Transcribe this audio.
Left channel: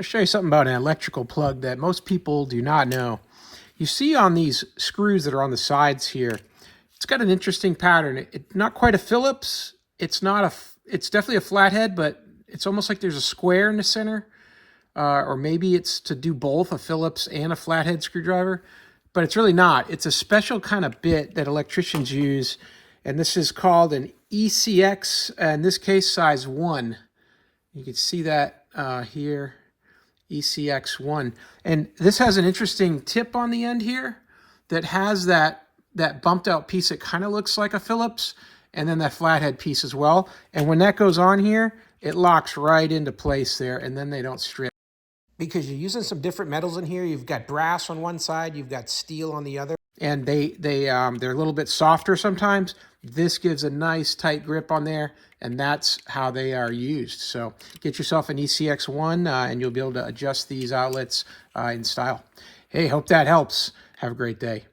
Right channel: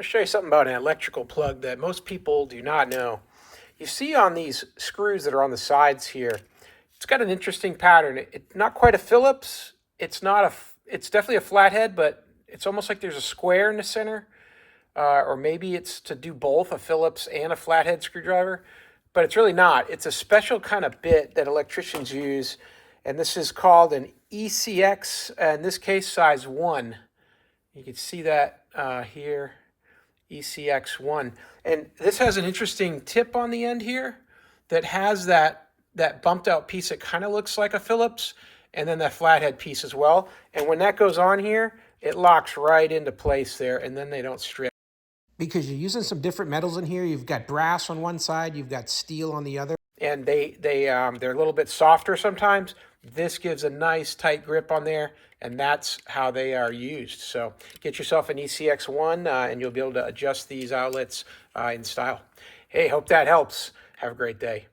I'll show you something about an electrical plug that most people do not know. You see on these screws that are on the sides here, it's got an interesting pattern. It's not quite a Phillips. It's not a. It's definitely a flathead, but it's almost like there's a square in the center, or maybe it's to do both a Phillips and a flathead screwdriver, but it's really not. It's a special kind of bit that electricians use, and this is called an ECX. In this case, size 1. You can see that here. ECX1. And this has an interesting tip on the end here that has that bumped out piece that kind of looks like a Phillips, and then that flathead piece as well. And when that goes on here, it locks right into place there, and then they don't strip. Because you're using some different metals in here. You've got brass on one side, you've got steel on the other, and they're a little bit softer sometimes. This gives a nice tight grip on there, and that's how they are used. So get yourself an ECX1 and you'll be able to adjust these outlets in style. Hey, hope that helps. Have a great day.